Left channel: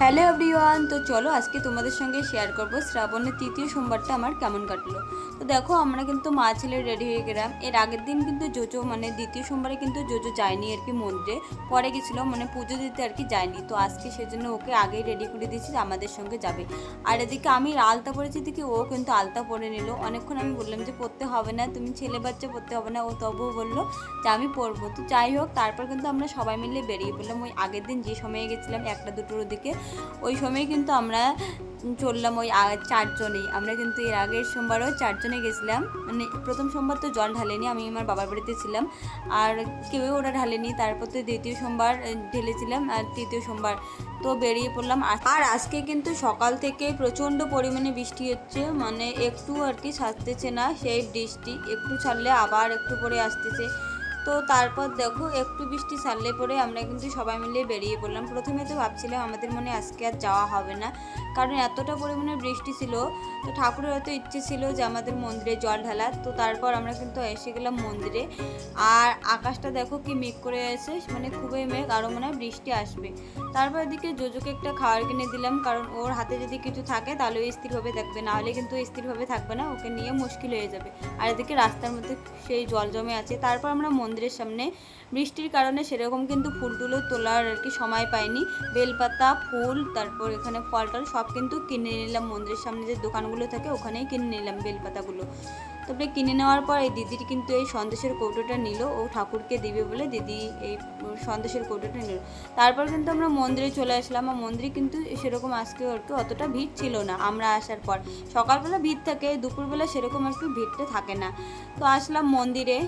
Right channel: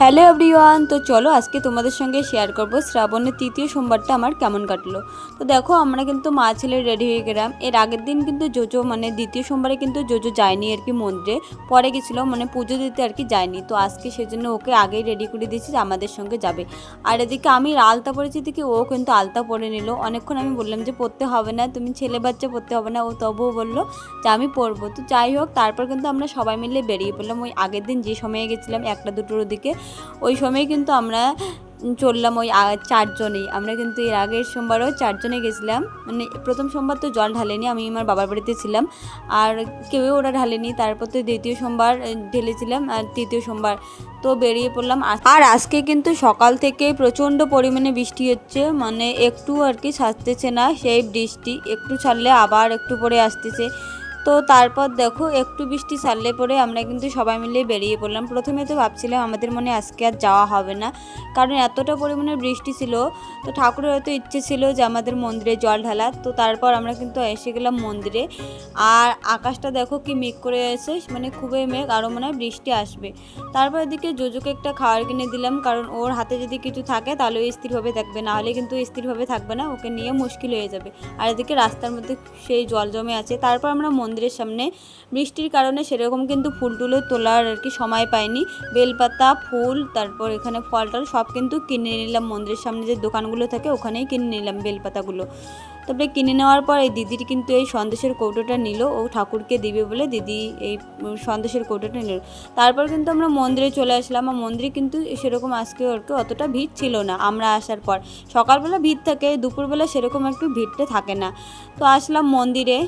Hello everyone, তো চলো আজকে তোমাদের সঙ্গে শেয়ার করব শ্রাবণের তৃতীয় সোমবারটা আমার কেমন কাটলো। তো দেখো আমরা কিন্তু মা ছেলে রেডি হয়ে গেলাম। এর আগের দিন কিন্তু জোজো মানে দ্বিতীয় সোমবারে কিন্তু জোজো যায়নি আর কি, মন্দিরে পরে গেছিলো, মানে পুজো দিতে আর কি যায়নি। তো আজকে সেজন্য ওকে আগেই রেডি করে দিয়েছি যে আমাদের সঙ্গে যাবে। আর এদিকে আমি আলতা পরেছি দেখি ও কিন্তু আলতা পরে নিল। অনেকক্ষণ আমি বললাম যে পরতে হবে না, তুমি ছেলে বাচ্চা পরতে হবে না, ও তবুও বললো যে আমি পরবো। তো যাই হোক, তারপর কিন্তু আমরা সবাই মিলে বেরিয়ে পড়লাম। ওই আগের দিন যে সময়ে গেছিলাম 1টা-2টোর দিকে, ওই সময় কিন্তু আমরা চললাম ওই চারজনেই। আমরা কিন্তু এর আগের সোমবারও চারজনে গেছিলাম, মানে প্রথম সোমবার তো জল ঢালেনি, আমি আমার বাবার বাড়িতে ছিলাম আর কেউ ওরা ঢালেনি। তারপর তো দ্বিতীয় সোমবার ঢেলেছিলাম আর তৃতীয় সোমবার তো বেরিয়ে পড়লাম। আর আজকে কিন্তু সকাল থেকেই প্রচণ্ড পরিমাণে বৃষ্টি হচ্ছে, মানে একটু আর কি ছাড়তেছে না, সেই বৃষ্টি একটু ছাড়লে আবার একটু পরে আসতেছে। তো তারপর দেখো একটু বৃষ্টি ছাড়লে পরে আমরা কিন্তু সবাই মিলে বেরিয়ে পড়লাম। প্রথমে তো ভাবছিলাম আমাদের মনে আজকে আর যাওয়া হবে না, কারণ এতটা পরিমাণে বৃষ্টি ছিল। তো ঠাকুরের হয়তো ইচ্ছে ছিল যে আমাদের মন্দিরে জল ঢালার। তো তারপর আমরা কিন্তু এসে গেলাম মন্দিরে। আর আকাশটা দেখো কি মেঘ করে এসে, মানে খুবই মেঘ, আরও মনে হয় বৃষ্টি আসবে। তারপর এদিকে জোজোকে একটা খাবার কিনে দিলাম, কারণ ওর হাতে যদি কিছু থাকে তাহলে ও স্থিরভাবে থাকবে, না হলে কিন্তু স্থিরভাবে থাকবে না, ওকে নিয়ে মুশকিল হয়ে যাবে। আর এদিকে রাস্তার মধ্যে সেই জল জমে আছে। তারপর আমরা মন্দিরের সামনে বৃষ্টির কারণে সেরকম কিন্তু ফুল টুলো তোলার আর কি সময় পাইনি। বেলপাতা, ফুল, তারপর এখানে ফল টল সব কিন্তু কিনে নিলাম। মন্দিরের সামনে যে দোকানগুলো থাকে ওখানেই কিনে নিলাম বেলপাতাগুলো। তারপরে কিনে নেওয়ার পর এই দিদির কিন্তু এই সন্দেশের কৌটোটা নিল, ও ঠাকুরকে দিবে বলে দিদি এই সন্দেশের কৌটোটা নিল। তারপর কিন্তু আমরা মন্দিরে চলে আসলাম। আর মন্দিরে কিন্তু সেরকম আজকে আর কি অতটা ভিড় ছিল না। আমরা আসার পর সকালবেলা ভিড় থাকে, দুপুরবেলা সেরকম একটু ভিড়টা থাকে না। তো আসলাম মন্দিরে।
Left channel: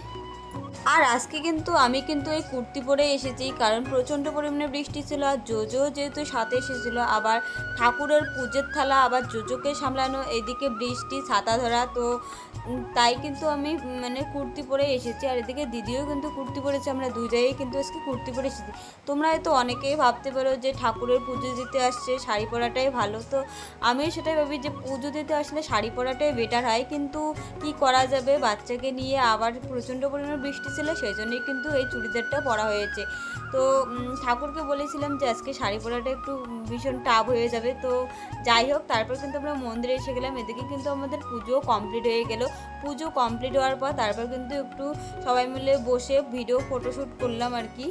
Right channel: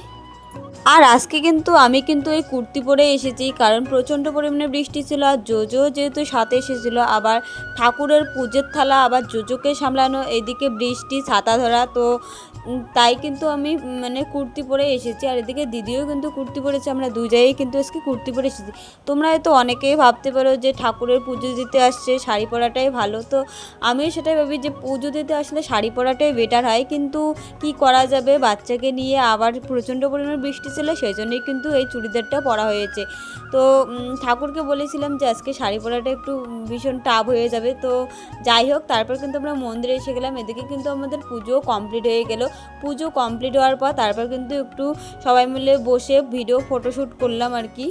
আর আজকে কিন্তু আমি কিন্তু এই কুর্তি পরে এসেছি, কারণ প্রচণ্ড পরিমাণে বৃষ্টি ছিল। আর জোজো যেহেতু সাথে এসেছিলো, আবার ঠাকুরের পুজোর থালা আবার জোজোকে সামলানো, এদিকে বৃষ্টি, ছাতা ধরা, তো তাই কিন্তু আমি মানে কুর্তি পরে এসেছি। আর এদিকে দিদিও কিন্তু কুর্তি পরেছে, আমরা দুই জায়গায় কিন্তু আজকে কুর্তি পরে এসেছি। তোমরা হয়তো অনেকেই ভাবতে পারো যে ঠাকুরের পুজো দিতে আসছে শাড়ি পরাটাই ভালো, তো আমিও সেটাই ভাবি যে পুজো দিতে আসলে শাড়ি পরাটাই বেটার হয়। কিন্তু কি করা যাবে, বাচ্চাকে নিয়ে আবার প্রচণ্ড পরিমাণে বৃষ্টি ছিল, সেই জন্যই কিন্তু এই চুড়িদারটা পরা হয়েছে। তো ঠাকুরকে বলেছিলাম যে আজকে শাড়ি পরাটা একটু ভীষণ টাফ হয়ে যাবে। তো যাই হোক, তারপর কিন্তু আমরা মন্দিরে এসে গেলাম। এদিকে কিন্তু আমাদের পুজোও কমপ্লিট হয়ে গেল। পুজো কমপ্লিট হওয়ার পর তারপর কিন্তু একটু সবাই মিলে বসে ভিডিও ফটোশ্যুট করলাম আর কি।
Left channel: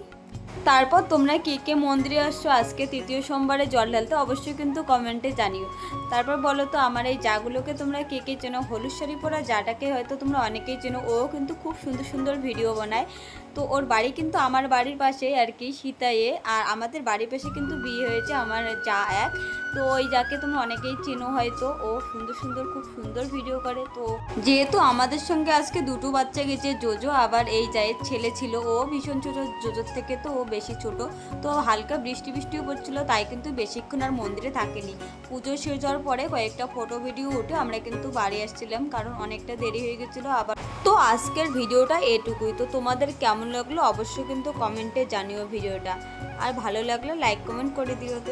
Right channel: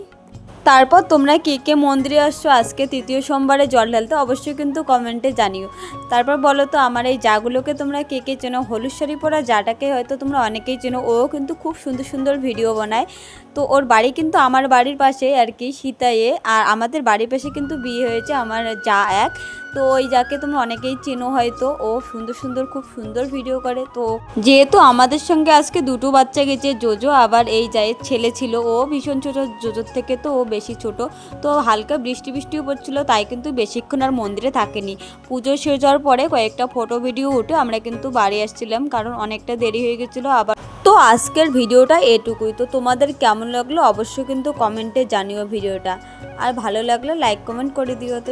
তারপর তোমরা কে কে মন্দিরে আসছো আজকে তৃতীয় সোমবারে জল ঢালতে, অবশ্যই কিন্তু কমেন্টে জানিও। তারপর বলো তো আমার এই জাগুলোকে তোমরা কে কে চেনো, হলুদ শাড়ি পরা জাটাকে হয়তো তোমরা অনেকেই চেনো, ও কিন্তু খুব সুন্দর সুন্দর ভিডিও বানায়। তো ওর বাড়ি কিন্তু আমার বাড়ির পাশে আর কি, সীতায়ে। আর আমাদের বাড়ির পাশে কিন্তু বিয়ে হয়েছে আমার যা এক। তো ওই যাকে তোমরা অনেকেই চেনো হয়তো, ও সুন্দর সুন্দর খুব সুন্দর ভিডিও করে। তো যেহেতু আমাদের সঙ্গে আজকে দুটো বাচ্চা গেছে, জোজো আবার এই জায়ের ছেলে ছিল, ও ভীষণ ছোটো, জোজোর থেকে তো ও বেশি ছোট। তো হালকা বৃষ্টি বৃষ্টিও পড়ছিলো, তাই কিন্তু বেশিক্ষণ আর মন্দিরে থাকেনি। পুজো শেষ হওয়ার পরে কয়েকটা ফটো ভিডিও উঠে আমরা কিন্তু বাড়ি আসছিলাম, কারণ অনেকটা দেরি হয়ে গেছিলো আবার। তো আজকের ভিডিওটা এটুকুই। তো তোমাদের কেমন লাগলো অবশ্যই কিন্তু কমেন্টে জানিও ভিডিওটা, আর ভালো লাগলে লাইক কমেন্ট করে দিও। তো